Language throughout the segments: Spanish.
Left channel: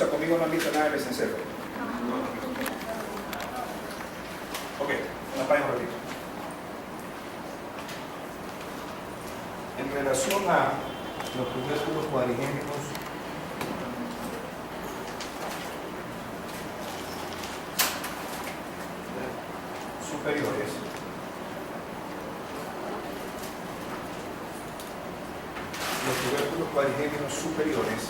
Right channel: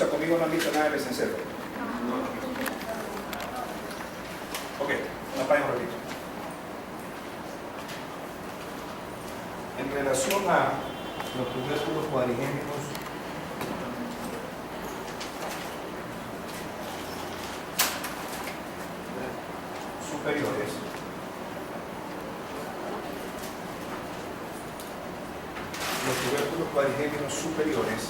sea, conmigo no han visto nada del mesencéfalo. Ok, nos paremos un ratito. En relación a los tubérculos cuadrigémenos superiores,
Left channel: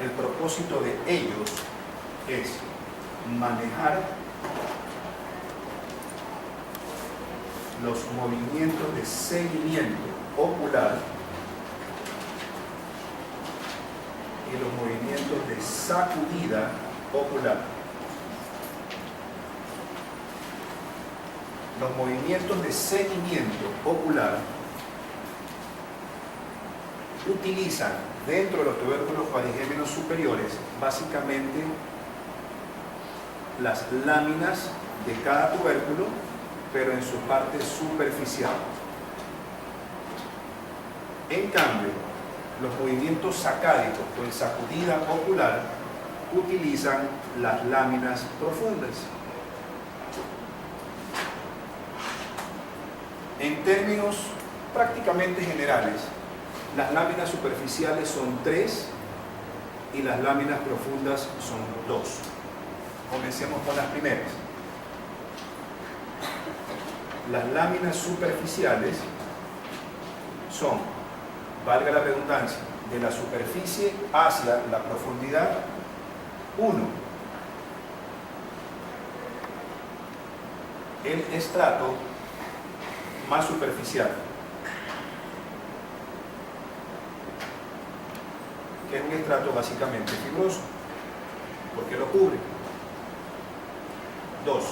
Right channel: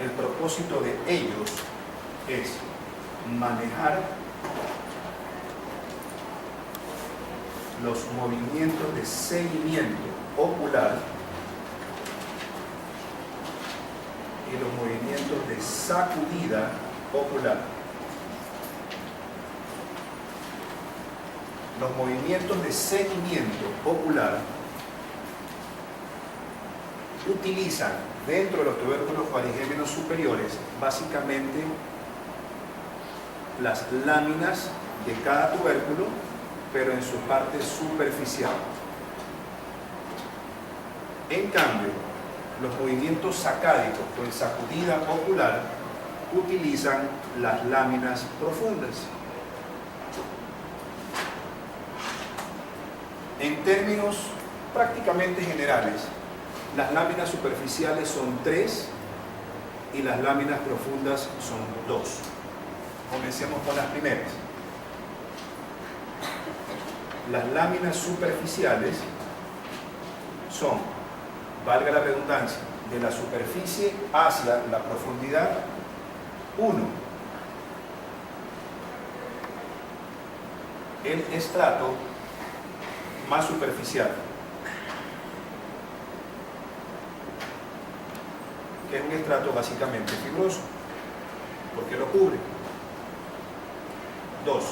el propósito de ellos es manejar los movimientos de seguimiento ocular y los movimientos de sacudida ocular. Los movimientos de seguimiento ocular utilizan dentro de los tubérculos cuadrigémenos superiores básicamente las láminas de cada tubérculo, pero en su parte superficial. En cambio, los movimientos sacádicos o en sacudida ocular utilizan las láminas profundas. En términos prácticamente generales, las láminas superficiales son 3 y las láminas profundas son 2. Comencemos con las primeras. Las láminas superficiales son, valga la redundancia, de la superficie hacia la profundidad 1. El estrato más superficial, que es un estrato básicamente fibroso, porque lo cubre. 2.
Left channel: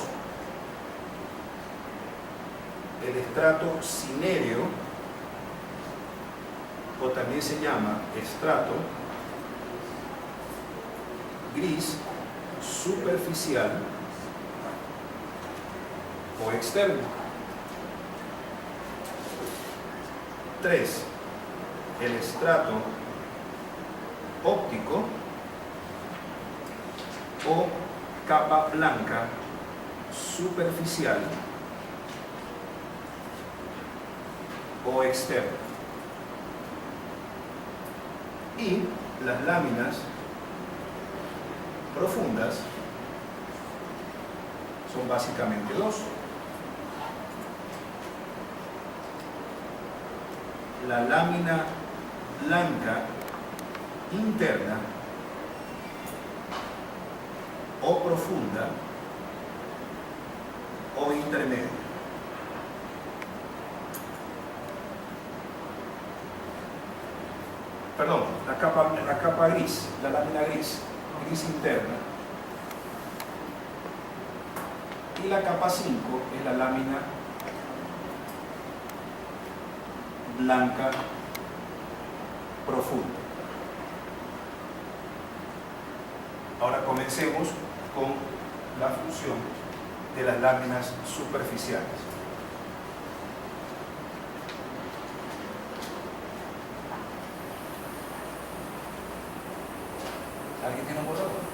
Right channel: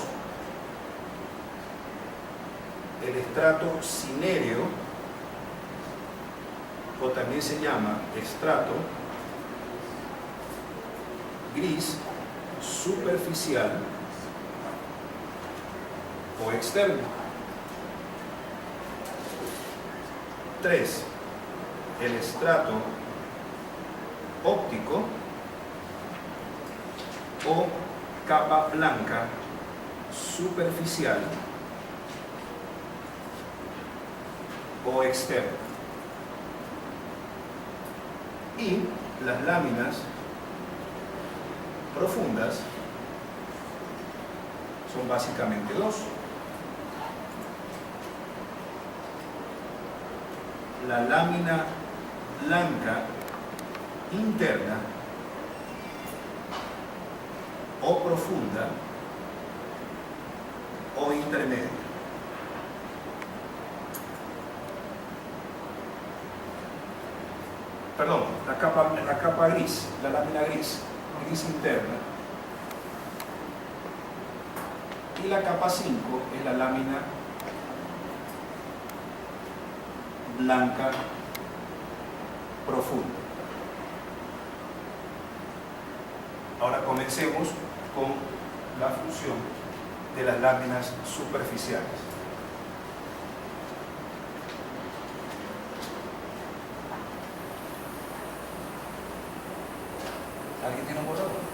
El estrato cinéreo, o también se llama estrato gris superficial o externo. 3. El estrato óptico o capa blanca superficial o externo. Y las láminas profundas son básicamente 2. La lámina blanca interna o profunda o intermedia. Perdón, la capa gris, la lámina gris interna. Y la capa 5 es la lámina blanca profunda. Ahora comencemos con la función de las láminas superficiales. ¿Alguien tiene un borrador?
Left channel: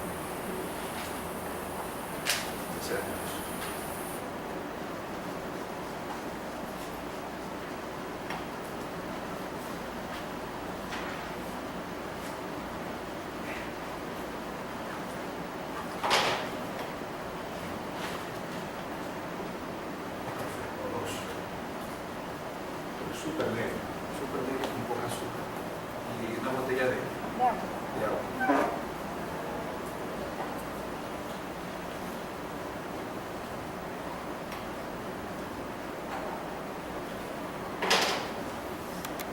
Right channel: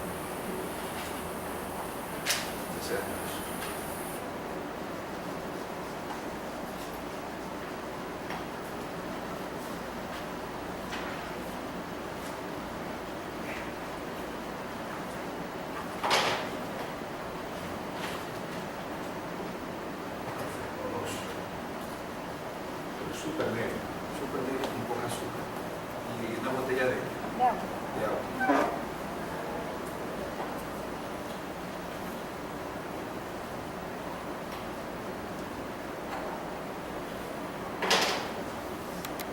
Súper negro con poca azúcar. Y una botella de agua.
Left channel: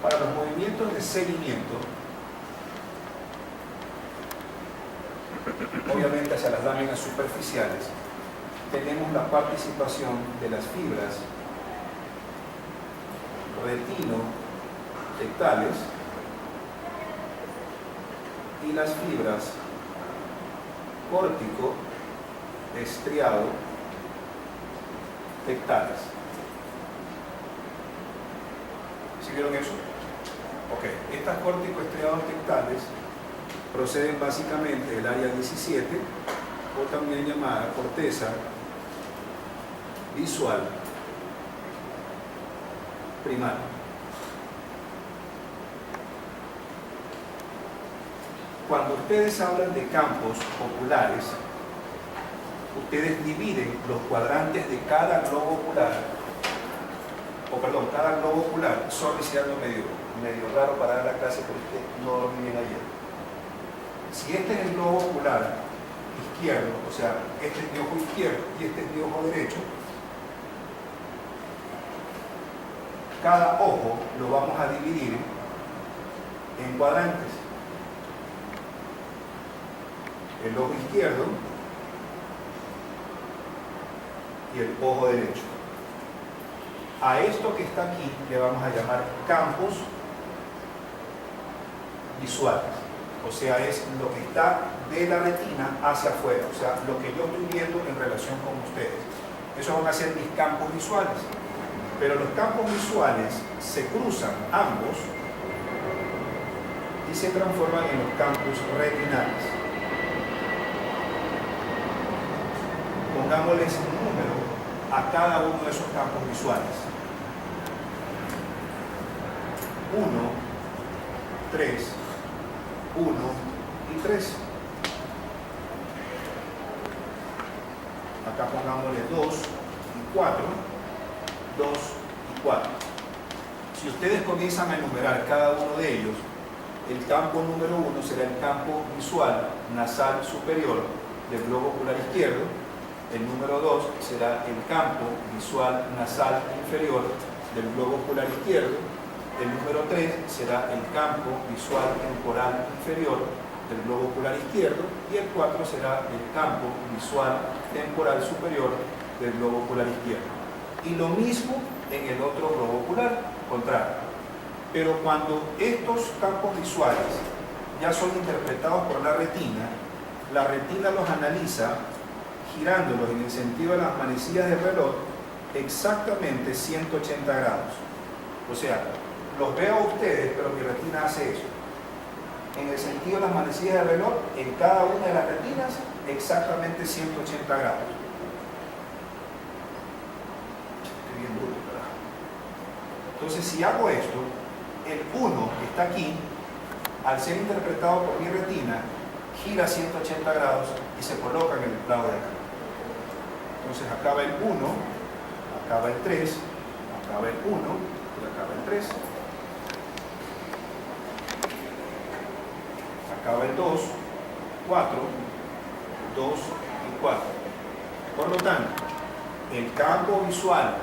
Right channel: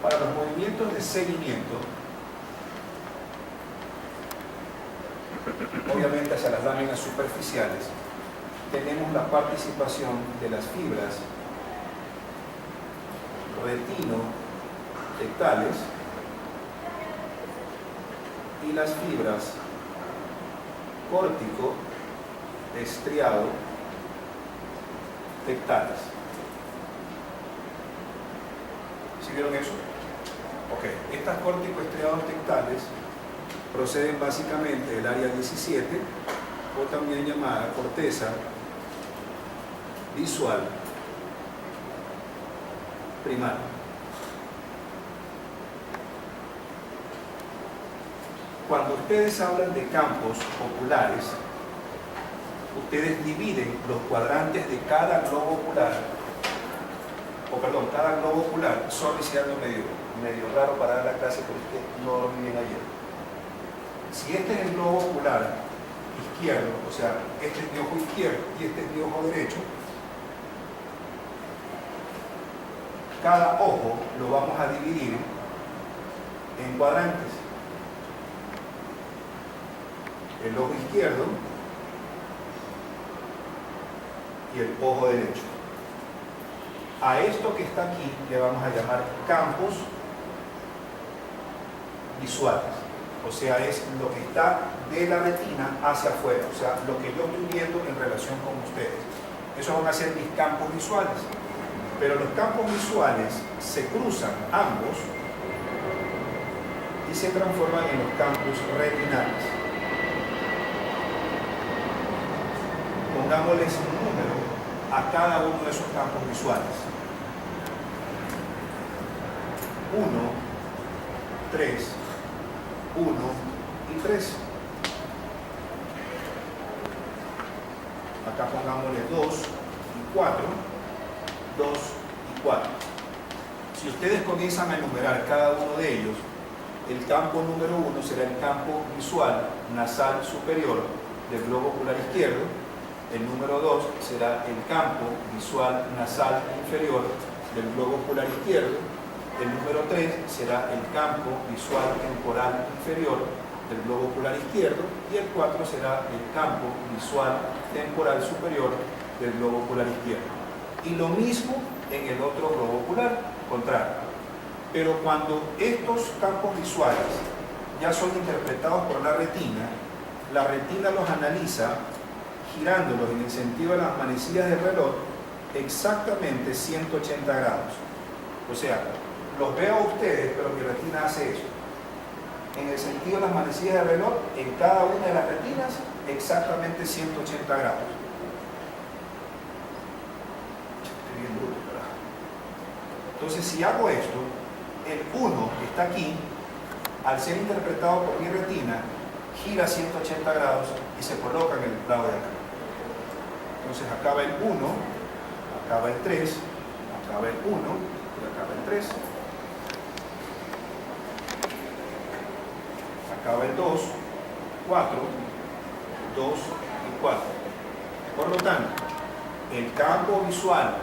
Para los movimientos de seguimiento, obviamente hacia las láminas superficiales, tenemos la participación de las fibras retino-tectales y las fibras córtico-estriado-tectales. ¿Sí vieron eso? Ok, estas corticoestriados tectales proceden básicamente del área 17, o también llamada corteza visual primaria. Cuando ustedes hablan de campos oculares, ustedes dividen los cuadrantes de cada globo ocular, cada globo ocular. Sorry si ando medio raro para dar la clase, pero es que no dormí bien ayer. Si este es el globo ocular izquierdo, o sea, este es mi ojo izquierdo y este es mi ojo derecho, cada ojo lo vamos a dividir en cuadrantes. El ojo izquierdo y el ojo derecho. A esto que está aquí le vamos a llamar campos visuales. O sea, es lo que está de la retina hacia afuera, o sea, lo que yo estoy viendo en relación con ustedes. Esos van a ser mis campos visuales. Pero los campos visuales se cruzan ambos y se transforman en los campos retinales. Pongámosles un número a cada uno de esos campos visuales. 1, 3, 1 y 3. Acá pongámosle 2 y 4, 2 y 4. Si ustedes comienzan a enumerar cada uno de ellos, el campo número 1 será el campo visual nasal superior del globo ocular izquierdo. El número 2 será el campo visual nasal inferior del globo ocular izquierdo. El número 3 será el campo visual temporal inferior del globo ocular izquierdo. Y el 4 será el campo visual temporal superior del globo ocular izquierdo. Y lo mismo en el otro globo ocular contrario. Pero cuando estos campos visuales ya son interpretados por la retina los analiza girándolos en el sentido de las manecillas del reloj exactamente 180 grados. O sea, los veo a ustedes, pero mi retina hace eso. En el sentido de las manecillas del reloj, en cada una de las retinas, exactamente 180 grados. Estoy bien bruto, carajo. Entonces, si hago esto, el 1 que está aquí, al ser interpretado por mi retina, gira 180 grados y se coloca en el lado de acá. Entonces acaba el 1, acaba el 3, acaba el 1 y acaba el 3. Acaba el 2, 4, 2 y 4. Por lo tanto, el campo visual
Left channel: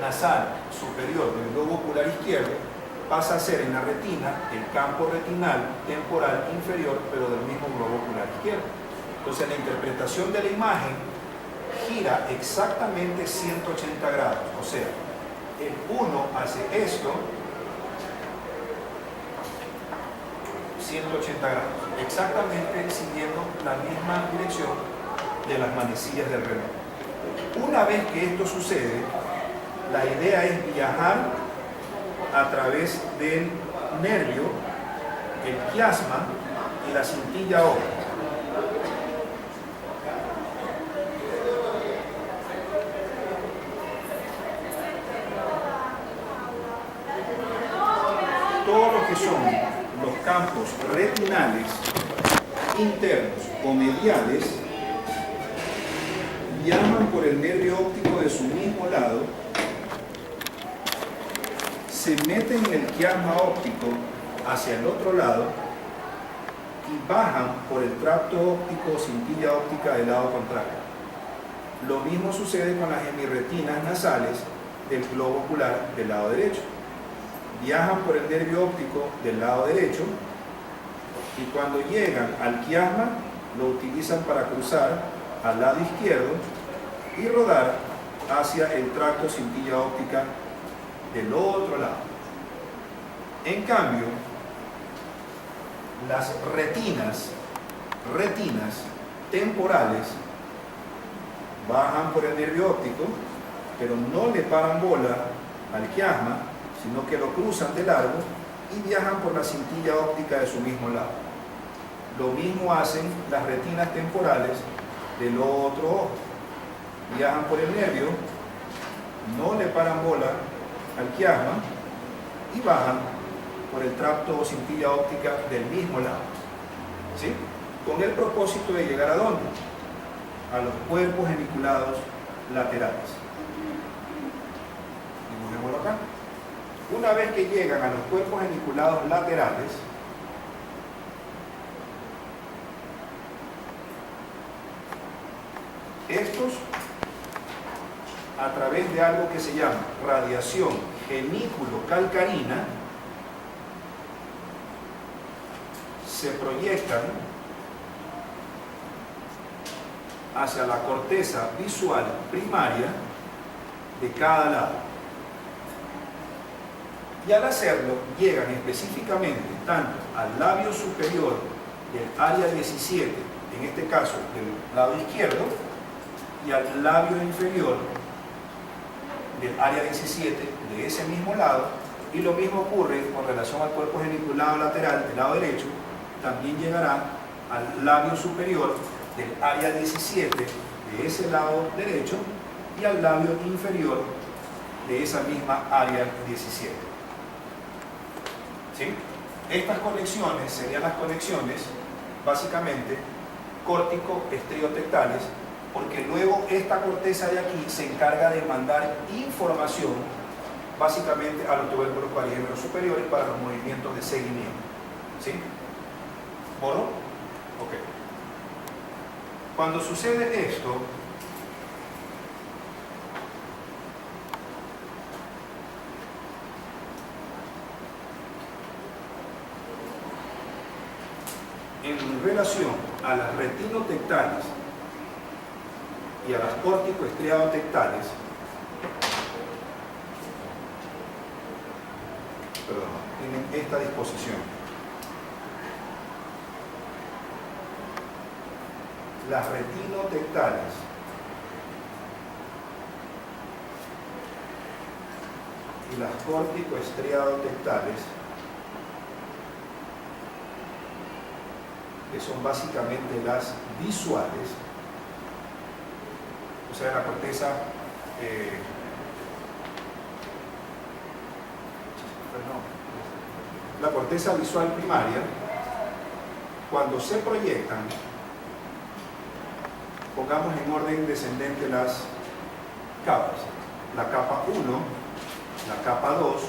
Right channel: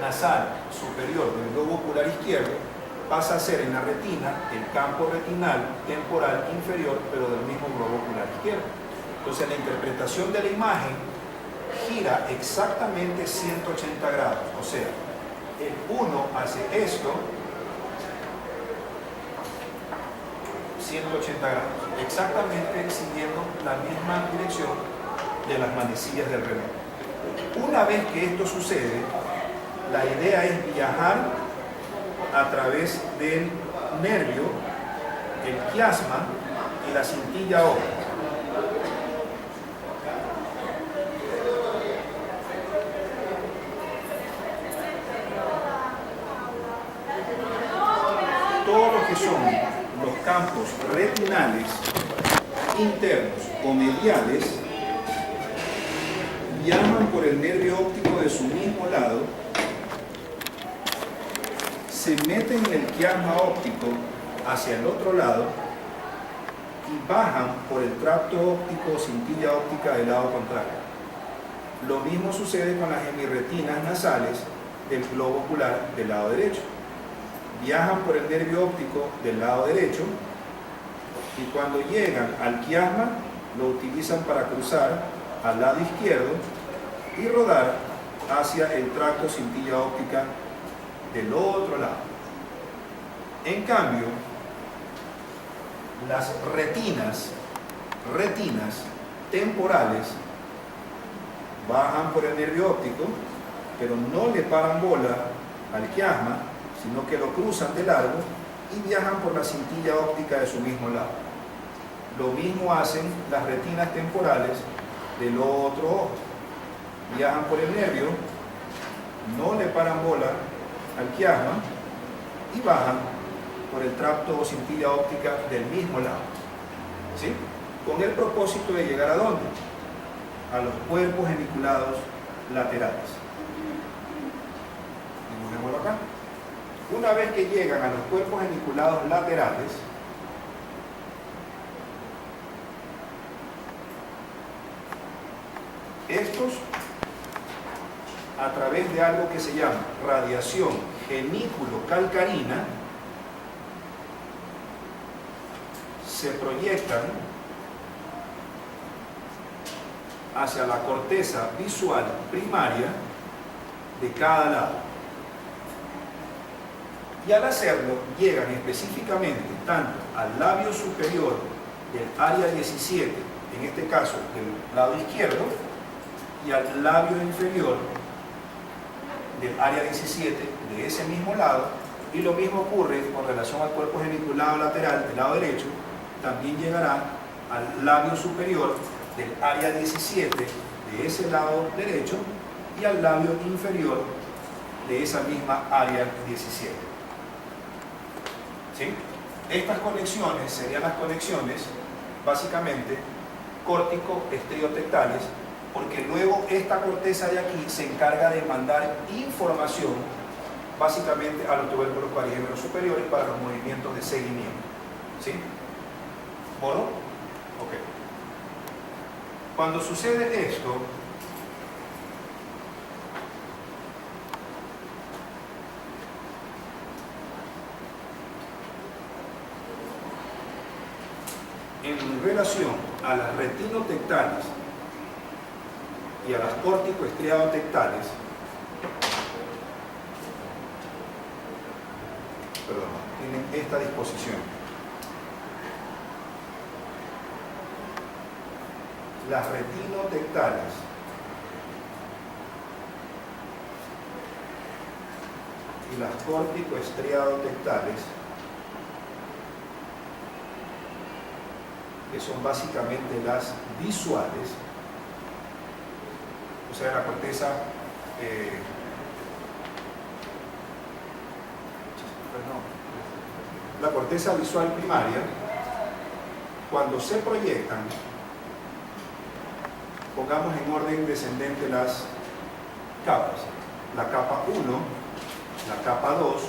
nasal superior del globo ocular izquierdo pasa a ser en la retina el campo retinal temporal inferior, pero del mismo globo ocular izquierdo. Entonces la interpretación de la imagen gira exactamente 180 grados. O sea, el 1 hace esto 180 grados, exactamente siguiendo la misma dirección de las manecillas del reloj. Una vez que esto sucede, la idea es viajar a través del nervio, el quiasma y la cintilla óptica. Todo lo que son los campos retinales internos o mediales viajan por el nervio óptico de su mismo lado, se meten en el quiasma óptico hacia el otro lado y bajan por el tracto óptico o cintilla óptica del lado contrario. Lo mismo sucede con las hemirretinas nasales del globo ocular del lado derecho. Viajan por el nervio óptico del lado derecho y cuando llegan al quiasma lo utilizan para cruzar al lado izquierdo y rodar hacia el tracto cintilla óptica del otro lado. En cambio, las retinas temporales bajan por el nervio óptico, pero no le paran bola al quiasma, sino que lo cruzan de largo y viajan por la cintilla óptica de su mismo lado. Lo mismo hacen las retinas temporales del otro ojo. Viajan por el nervio, no le paran bola al quiasma y bajan por el tracto o cintilla óptica del mismo lado. ¿Sí? Con el propósito de llegar ¿a dónde? A los cuerpos geniculados laterales. Dibujémoslo acá. Una vez que llegan a los cuerpos geniculados laterales, estos, a través de algo que se llama radiación genículo-calcarina, se proyectan hacia la corteza visual primaria de cada lado. Y al hacerlo, llegan específicamente tanto al labio superior del área 17, en este caso del lado izquierdo, y al labio inferior del área 17 de ese mismo lado, y lo mismo ocurre con relación al cuerpo geniculado lateral del lado derecho, también llegará al labio superior del área 17 de ese lado derecho y al labio inferior de esa misma área 17. ¿Sí? Estas conexiones serían las conexiones básicamente córtico-estriotectales, porque luego esta corteza de aquí se encarga de mandar información básicamente a los tubérculos parigémenos superiores para los movimientos de seguimiento. ¿Sí? ¿Moro? Ok. Cuando sucede esto, en relación a las retinotectales y a las córtico-estriadotectales, tienen esta disposición. Las retinotectales y las córtico-estriadotectales, que son básicamente las visuales, o sea, la corteza la corteza visual primaria, cuando se proyectan, pongamos en orden descendente las capas: la capa 1, la capa 2,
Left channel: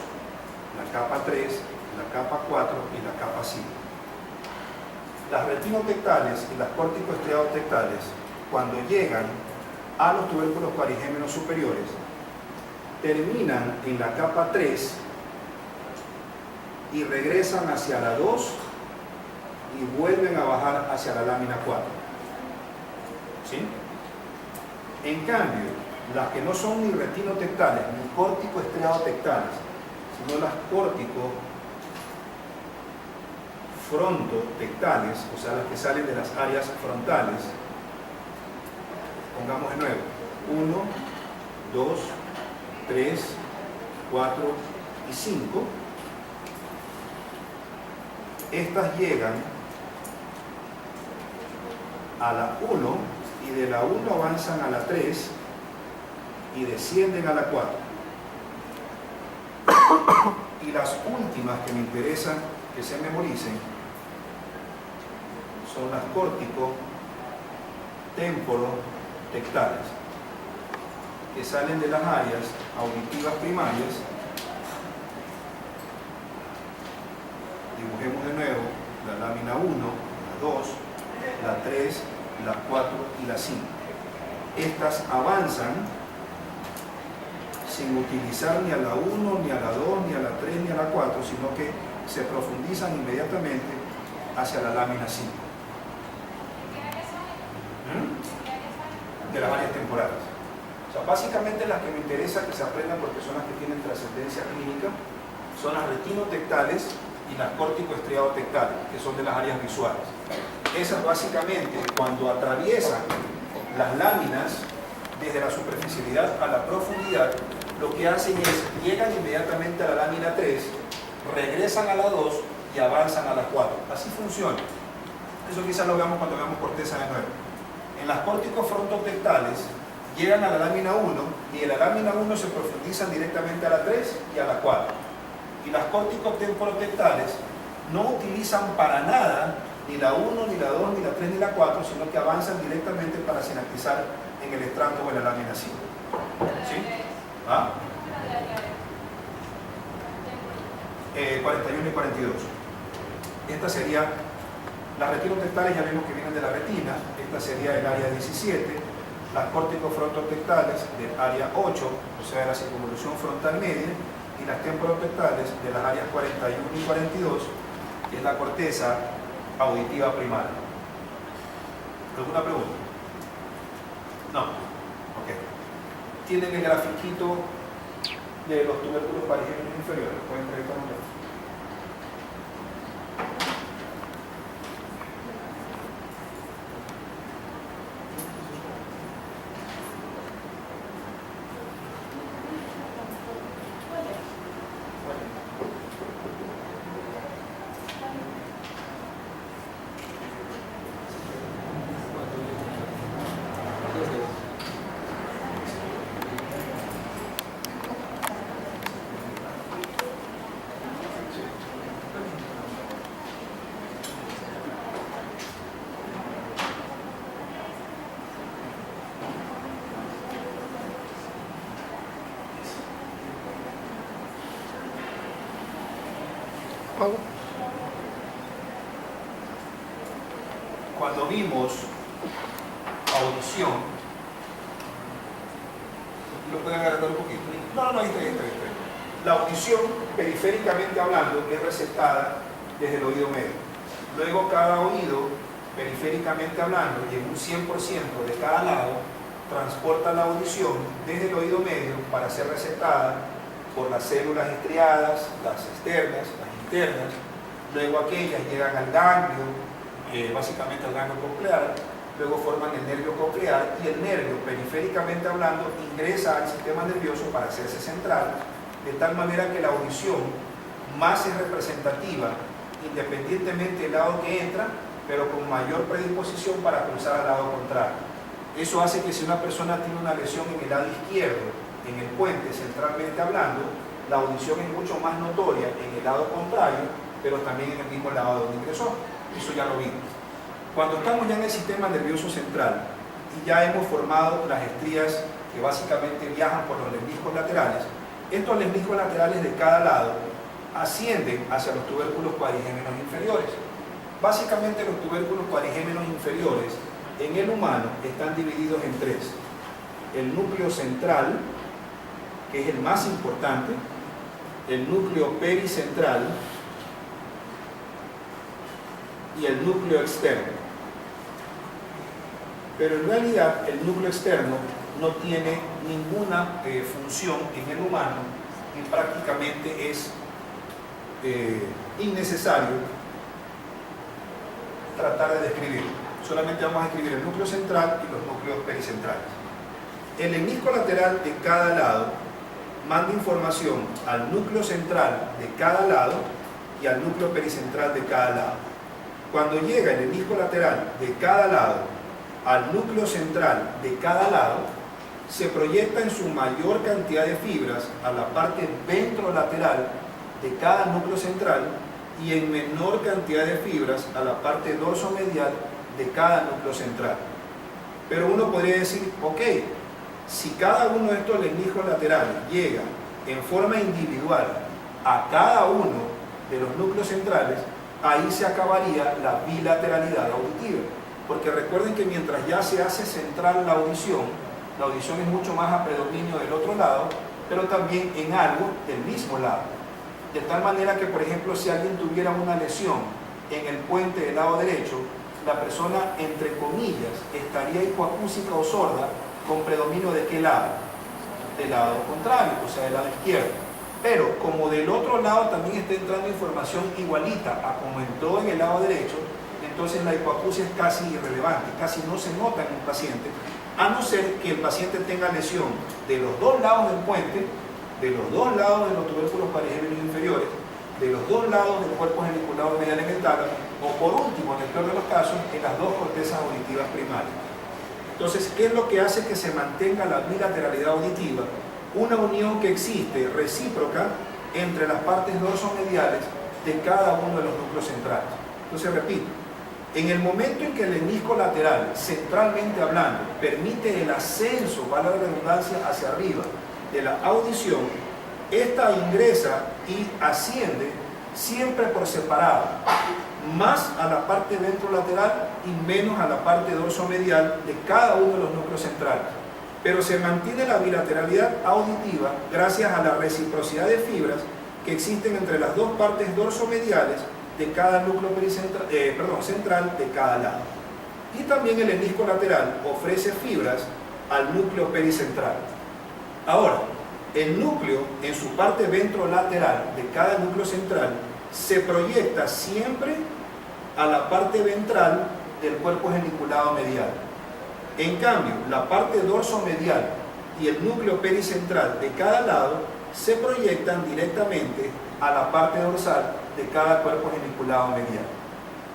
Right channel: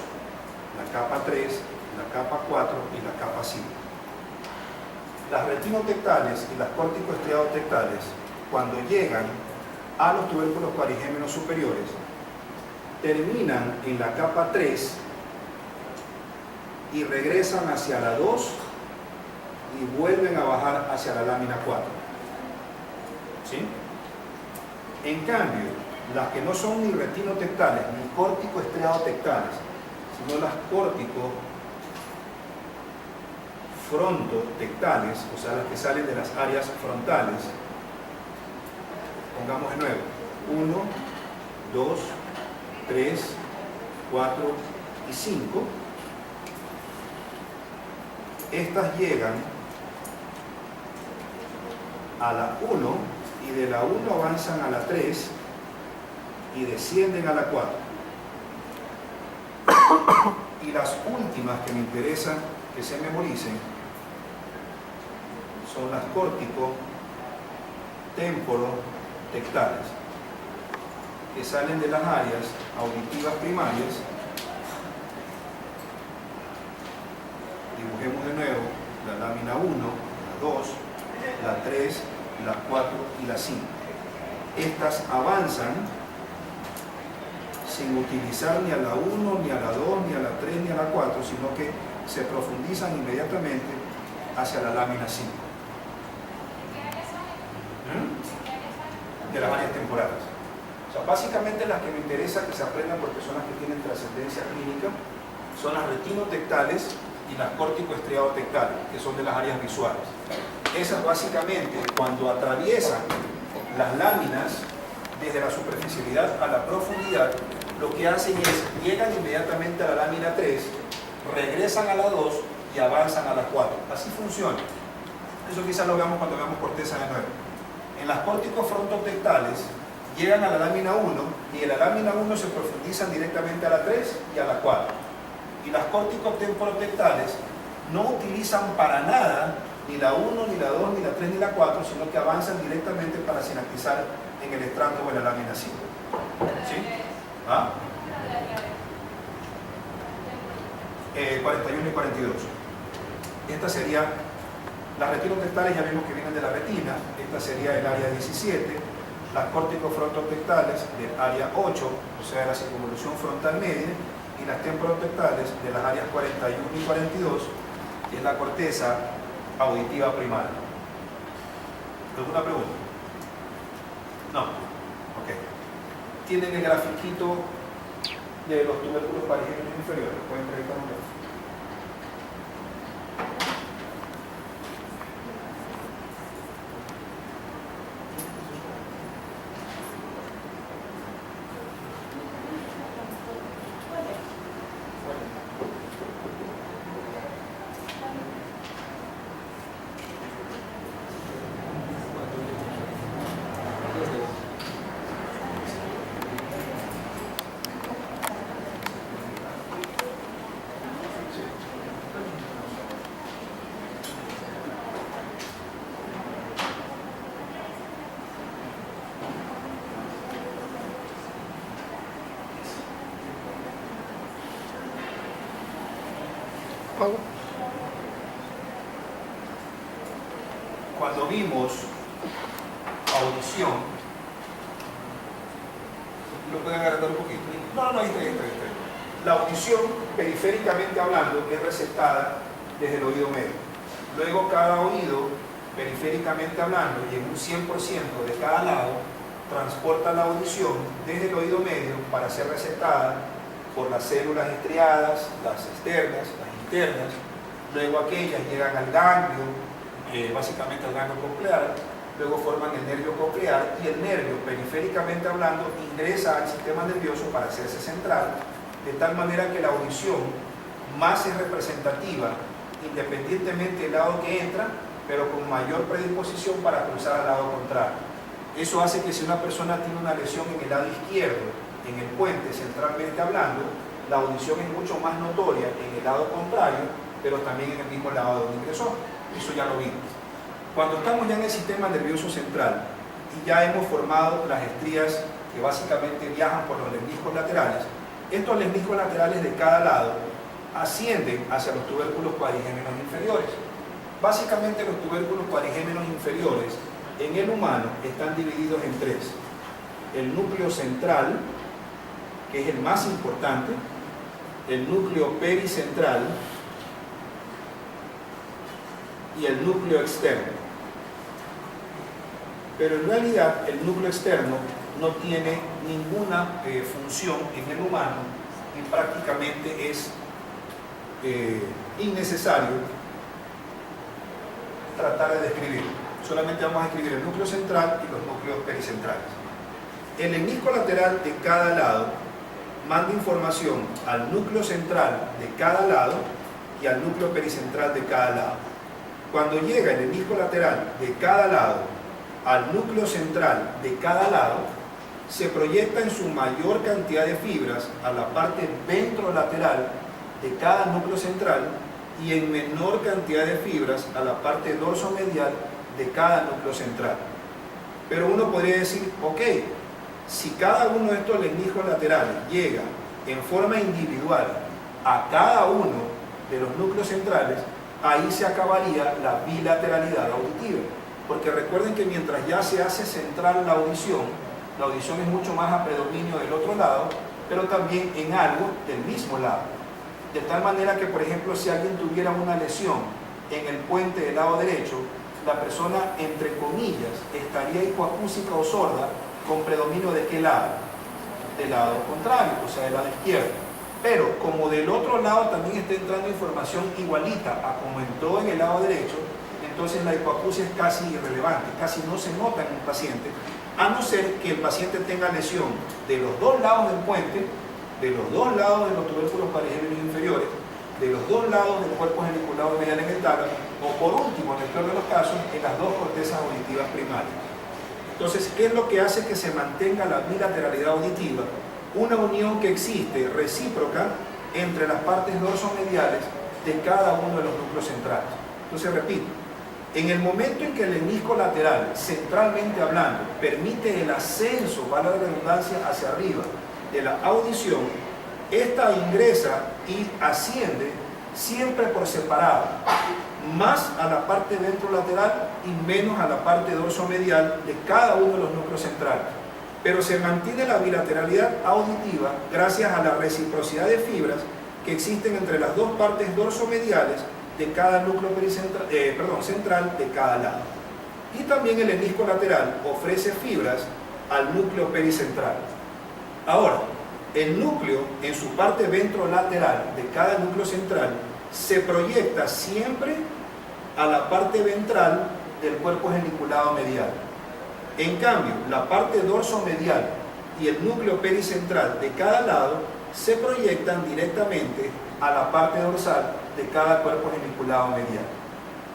la capa 3, la capa 4 y la capa 5. Las retinotectales y las córtico-estriadotectales, cuando llegan a los tubérculos parigémenos superiores, terminan en la capa 3 y regresan hacia la 2 y vuelven a bajar hacia la lámina 4. ¿Sí? En cambio, las que no son ni retinotectales ni córtico-estriadotectales, sino las córtico-frontotectales, o sea, las que salen de las áreas frontales, pongamos de nuevo: 1, 2, 3, 4 y 5. Estas llegan a la 1 y de la 1 avanzan a la 3 y descienden a la 4. Y las últimas que me interesan que se memoricen son las córtico-temporotectales, que salen de las áreas auditivas primarias. Dibujemos de nuevo la lámina 1, la 2, la 3, la 4 y la 5. Estas avanzan sin utilizar ni a la 1, ni a la 2, ni a la 3, ni a la 4, sino que se profundizan inmediatamente hacia la lámina 5. De las áreas temporales. O sea, básicamente las que me interesa que se aprendan, porque son las que tienen trascendencia clínica, son las retinotectales y las córtico-estriadotectales, que son de las áreas visuales. Esas básicamente, cuando atraviesan las láminas desde la superficialidad a la profundidad, lo que hacen es, llegan inmediatamente a la lámina 3 regresan a la 2 y avanzan a la 4. Así funciona. Eso quizás lo veamos cuando veamos corteza de nuevo. En las córticos frontotectales llegan a la lámina 1 y en la lámina 1 se profundizan directamente a la 3 y a la 4. Y las córticos temporotectales no utilizan para nada ni la 1, ni la 2, ni la 3, ni la 4, sino que avanzan directamente para sinaptizar en el estrato o en la lámina 5. ¿Sí? ¿Ah? 41 y 42. Esta sería, las retinotectales ya vimos que vienen de la retina, esta sería el área 17, las córticos frontotectales del área 8, o sea, de la circunvolución frontal media, y las temporotectales de las áreas 41 y 42, que es la corteza auditiva primaria. ¿Alguna pregunta? No. Ok. Tienen el grafiquito de los tubérculos parigémenos inferiores. Pueden proyectar un gráfico. Cuando vimos audición, ¿lo pueden agrandar un poquito? No, ahí está. La audición, periféricamente hablando, es receptada desde el oído medio. Luego cada oído, periféricamente hablando, y en un 100% de cada lado, transporta la audición desde el oído medio para ser receptada por las células estriadas, las externas, las internas. Luego aquellas llegan al ganglio, básicamente al ganglio coclear, luego forman el nervio coclear y el nervio, periféricamente hablando, ingresa al sistema nervioso para hacerse central, de tal manera que la audición más es representativa, independientemente del lado que entra, pero con mayor predisposición para cruzar al lado contrario. Eso hace que si una persona tiene una lesión en el lado izquierdo, en el puente, centralmente hablando, la audición es mucho más notoria en el lado contrario, pero también en el mismo lado donde ingresó. Eso ya lo vimos. Cuando estamos ya en el sistema nervioso central y ya hemos formado las estrías que básicamente viajan por los lemniscos laterales, estos lemniscos laterales de cada lado ascienden hacia los tubérculos cuadrigémenos inferiores. Básicamente los tubérculos cuadrigémenos inferiores en el humano están divididos en tres. El núcleo central, que es el más importante, el núcleo pericentral y el núcleo externo. Pero en realidad el núcleo externo no tiene ninguna función en el humano y prácticamente es innecesario tratar de describirlo. Solamente vamos a escribir el núcleo central y los núcleos pericentrales. El lemnisco lateral de cada lado manda información al núcleo central de cada lado y al núcleo pericentral de cada lado. Cuando llega el lemnisco lateral de cada lado al núcleo central de cada lado, se proyecta en su mayor cantidad de fibras a la parte ventrolateral de cada núcleo central y en menor cantidad de fibras a la parte dorsomedial de cada núcleo central. Pero uno podría decir, ok, si cada uno de estos lemniscos laterales llega en forma individual a cada uno de los núcleos centrales, ahí se acabaría la bilateralidad auditiva. Porque recuerden que mientras ya se hace central la audición es mucho más a predominio del otro lado, pero también en algo del mismo lado. De tal manera que, por ejemplo, si alguien tuviera una lesión en el puente del lado derecho, la persona, entre comillas, estaría hipoacúsica o sorda con predominio de ¿qué lado? Del lado contrario, o sea, del lado izquierdo. Pero como del otro lado también está entrando información igualita a como entró en el lado derecho, entonces la hipoacusia es casi irrelevante, casi no se nota en un paciente, a no ser que el paciente tenga lesión de los dos lados del puente, de los dos lados de los tubérculos parigémenos inferiores, de los dos lados del cuerpo geniculado medial en el tálamo, o por último, en el peor de los casos, en las dos cortezas auditivas primarias. Entonces, ¿qué es lo que hace que se mantenga la bilateralidad auditiva? Una unión que existe recíproca entre las partes dorsomediales de cada uno de los núcleos centrales. Entonces, repito, en el momento en que el menisco lateral, centralmente hablando, permite el ascenso, vale la redundancia, hacia arriba de la audición, esta ingresa y asciende siempre por separado, más a la parte ventrolateral y menos a la parte dorsomedial de cada uno de los núcleos centrales. Pero se mantiene la bilateralidad auditiva gracias a la reciprocidad de fibras que existen entre las dos partes dorsomediales de cada núcleo central de cada lado. Y también el menisco lateral ofrece fibras al núcleo pericentral. Ahora, el núcleo en su parte ventrolateral de cada núcleo central se proyecta siempre a la parte ventral del cuerpo geniculado medial. En cambio, la parte dorsomedial y el núcleo pericentral de cada lado se proyectan directamente a la parte dorsal de cada cuerpo geniculado medial.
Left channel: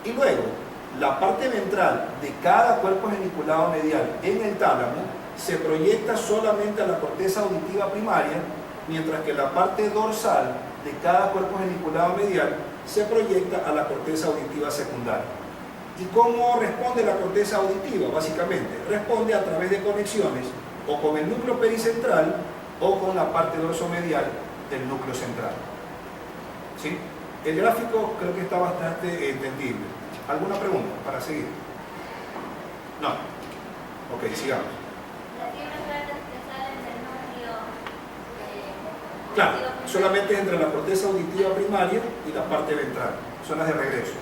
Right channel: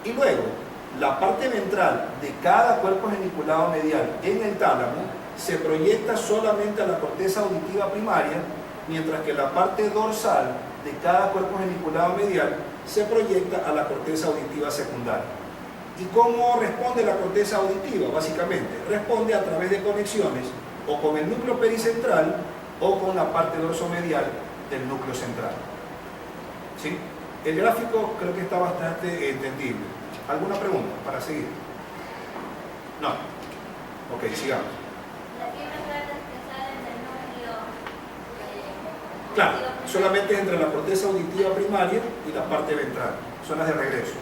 Y luego, la parte ventral de cada cuerpo geniculado medial en el tálamo se proyecta solamente a la corteza auditiva primaria, mientras que la parte dorsal de cada cuerpo geniculado medial se proyecta a la corteza auditiva secundaria. ¿Y cómo responde la corteza auditiva? Básicamente, responde a través de conexiones o con el núcleo pericentral o con la parte dorsomedial del núcleo central. ¿Sí? El gráfico creo que está bastante entendible. ¿Alguna pregunta para seguir? No. Ok, sigamos. Claro, solamente entre la corteza auditiva primaria y la parte ventral. Son las de regreso.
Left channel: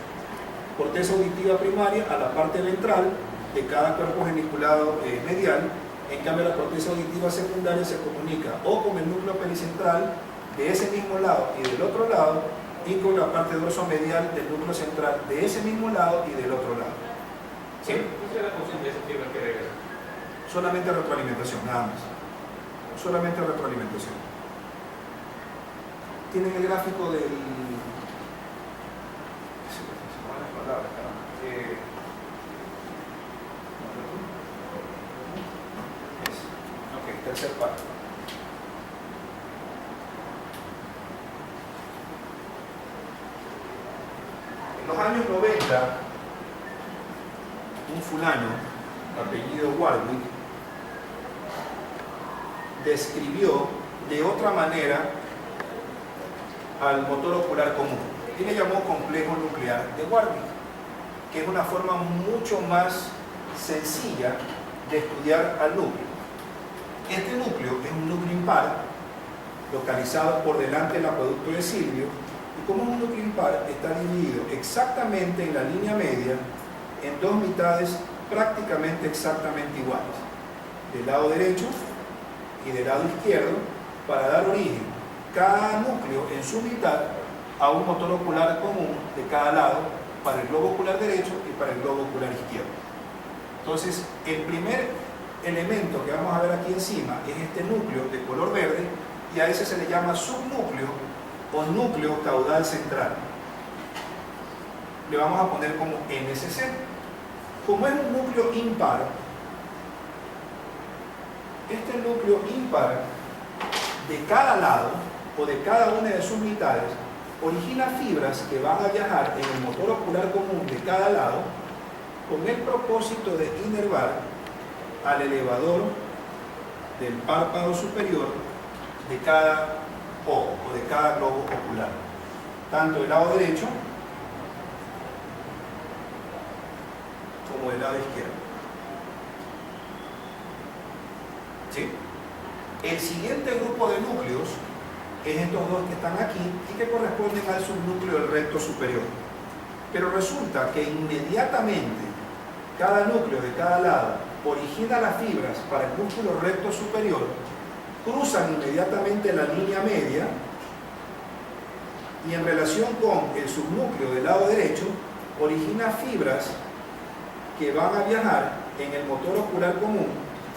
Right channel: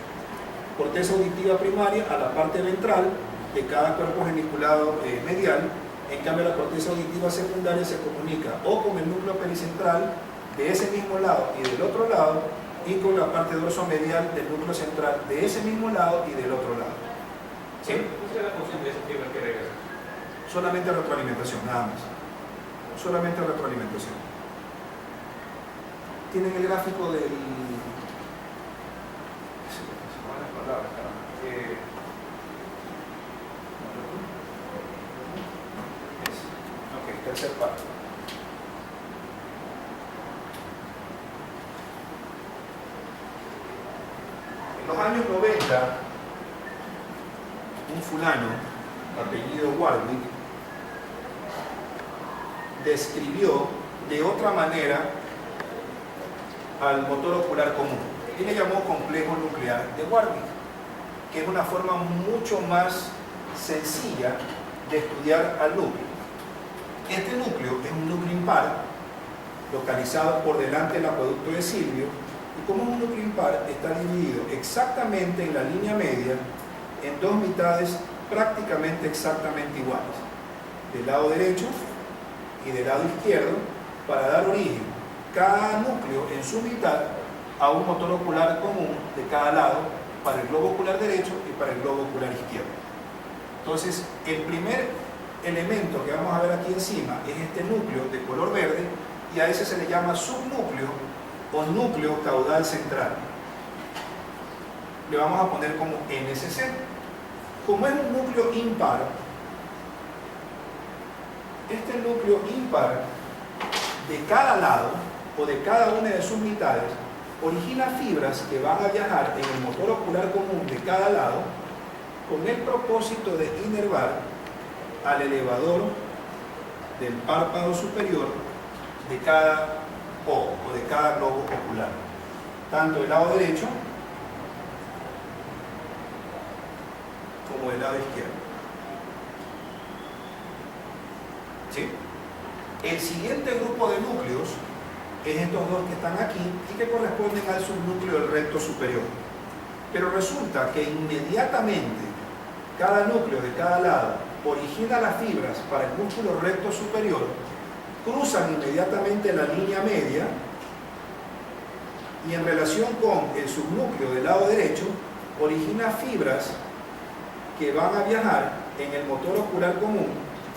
Corteza auditiva primaria a la parte ventral de cada cuerpo geniculado medial. En cambio, la corteza auditiva secundaria se comunica o con el núcleo pericentral de ese mismo lado y del otro lado, y con la parte dorsomedial del núcleo central de ese mismo lado y del otro lado. ¿Sí? ¿Cuál sería la función de ese fibra que regresa? Solamente retroalimentación, nada más. Solamente retroalimentación. Tienen el gráfico del... Ok, tercer parte. En los años 90, un fulano, apellido Warwick, describió de otra manera al motor ocular común. Él le llamó complejo nuclear de Warwick, que es una forma mucho más sencilla de estudiar al núcleo. Este núcleo es un núcleo impar, localizado por delante del acueducto de Silvio, y como es un núcleo impar, está dividido exactamente en la línea media en dos mitades prácticamente exactamente iguales, del lado derecho y del lado izquierdo, para dar origen cada núcleo en su mitad a un motor ocular común de cada lado para el globo ocular derecho y para el globo ocular izquierdo. Entonces, el primer elemento que vamos a ver aquí encima es este núcleo de color verde, y a ese se le llama subnúcleo o núcleo caudal central. Le vamos a poner como NSC. Como es un núcleo impar, este núcleo impar de cada lado o de cada una de sus mitades origina fibras que van a viajar en el motor ocular común de cada lado con el propósito de inervar al elevador del párpado superior de cada ojo o de cada globo ocular, tanto del lado derecho como del lado izquierdo. ¿Sí? El siguiente grupo de núcleos es estos dos que están aquí y que corresponden al subnúcleo del recto superior. Pero resulta que inmediatamente cada núcleo de cada lado origina las fibras para el músculo recto superior, cruzan inmediatamente la línea media y en relación con el subnúcleo del lado derecho origina fibras que van a viajar en el motor ocular común,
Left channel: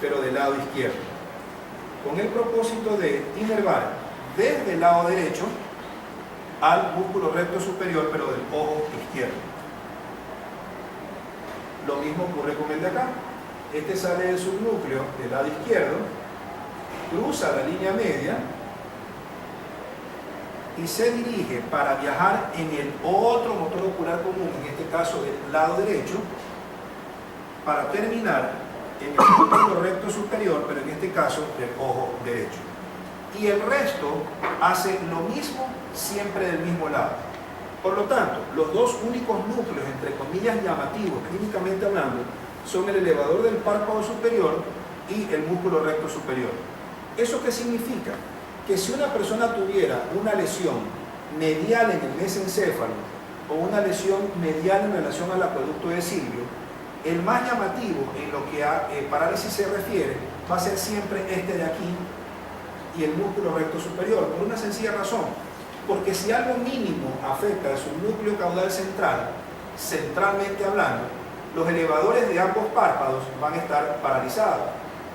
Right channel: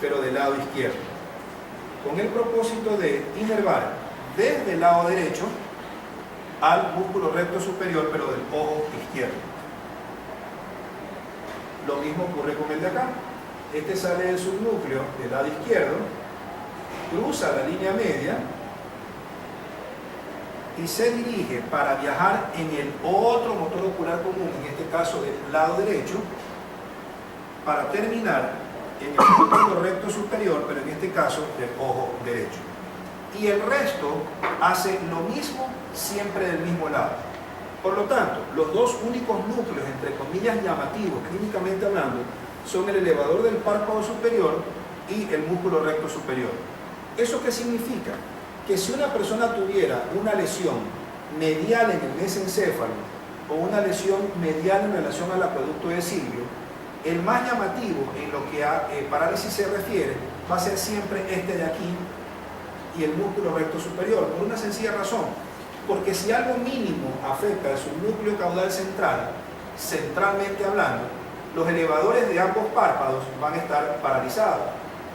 pero del lado izquierdo, con el propósito de inervar desde el lado derecho al músculo recto superior, pero del ojo izquierdo. Lo mismo ocurre con el de acá. Este sale del subnúcleo del lado izquierdo, cruza la línea media y se dirige para viajar en el otro motor ocular común, en este caso del lado derecho, para terminar en el músculo recto superior, pero en este caso del ojo derecho. Y el resto hace lo mismo siempre del mismo lado. Por lo tanto, los dos únicos núcleos, entre comillas, llamativos, clínicamente hablando, son el elevador del párpado superior y el músculo recto superior. ¿Eso qué significa? Que si una persona tuviera una lesión medial en el mesencéfalo o una lesión medial en relación al acueducto de Silvio, el más llamativo en lo que a parálisis se refiere va a ser siempre este de aquí y el músculo recto superior, por una sencilla razón, porque si algo mínimo afecta al subnúcleo caudal central, centralmente hablando, los elevadores de ambos párpados van a estar paralizados.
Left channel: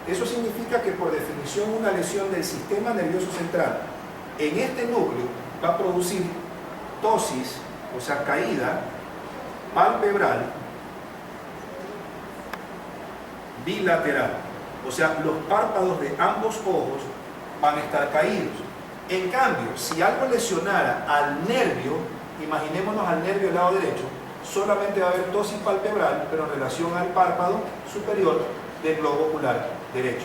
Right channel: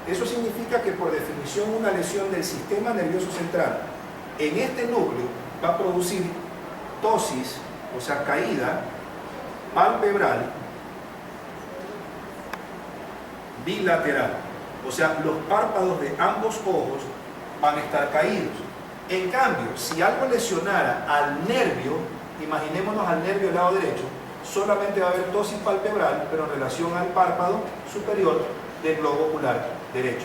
Eso significa que por definición una lesión del sistema nervioso central en este núcleo va a producir ptosis, o sea, caída palpebral bilateral. O sea, los párpados de ambos ojos van a estar caídos. En cambio, si algo lesionara al nervio, imaginémonos al nervio del lado derecho, solamente va a haber ptosis palpebral, pero en relación al párpado superior del globo ocular derecho.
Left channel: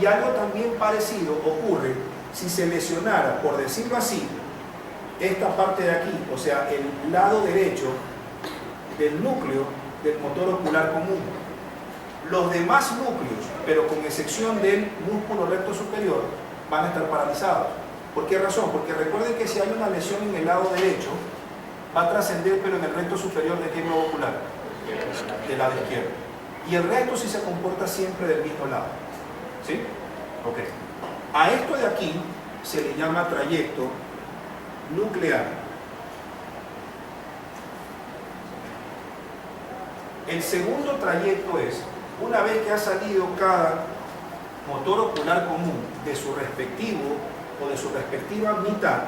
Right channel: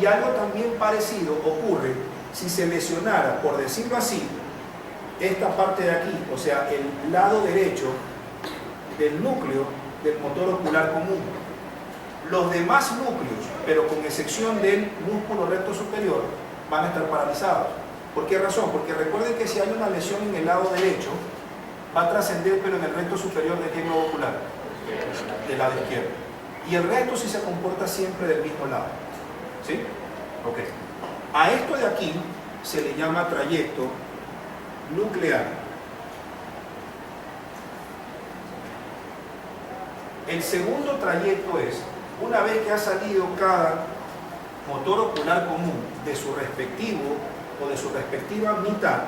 Y algo también parecido ocurre si se lesionara, por decirlo así, esta parte de aquí, o sea, el lado derecho del núcleo del motor ocular común. Los demás núcleos, pero con excepción del músculo recto superior, van a estar paralizados. ¿Por qué razón? Porque recuerden que si hay una lesión en el lado derecho, va a trascender, pero en el recto superior de qué globo ocular? Del lado izquierdo. Y el resto sí se comporta siempre del mismo lado. ¿Sí? Ok. A esto de aquí se le llama trayecto nuclear. El segundo trayecto es, una vez que ha salido cada motor ocular común de su respectivo o de su respectiva mitad,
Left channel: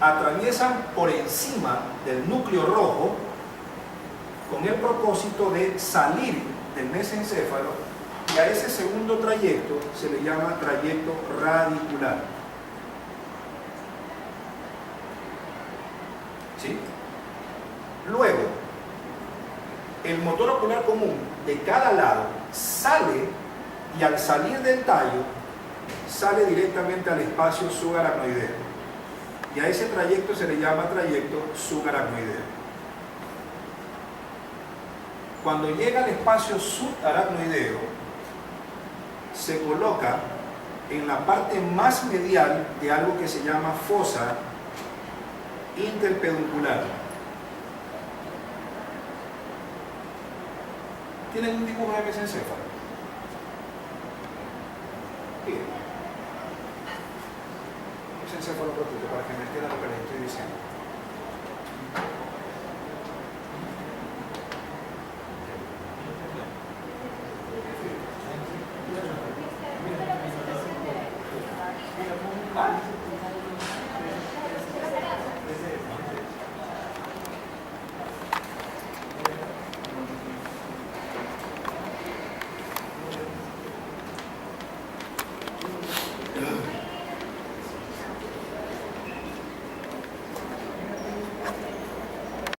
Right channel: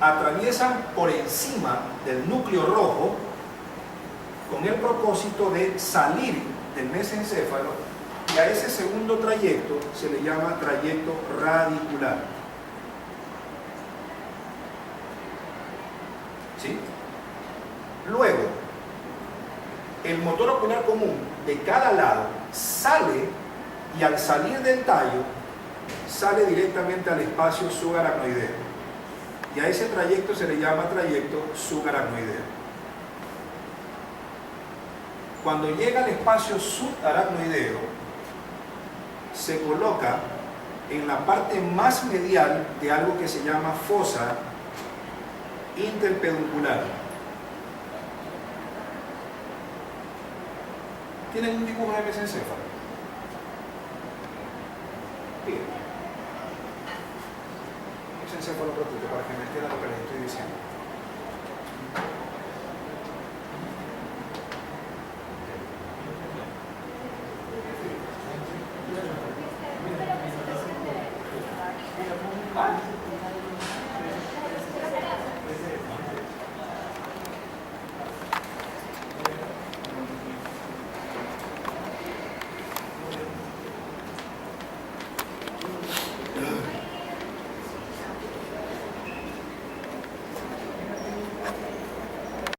atraviesan por encima del núcleo rojo con el propósito de salir del mesencéfalo, y a ese segundo trayecto se le llama trayecto radicular. ¿Sí? Luego, el motor ocular común de cada lado sale, y al salir del tallo sale directamente al espacio subaracnoideo, y a ese trayecto se le llama trayecto subaracnoideo. Cuando llega al espacio subaracnoideo, se coloca en la parte más medial de algo que se llama fosa interpeduncular. ¿Tienen un dibujo de mesencéfalo? Bien. Mesencéfalo ratito para que me entiendan lo que les estoy diciendo.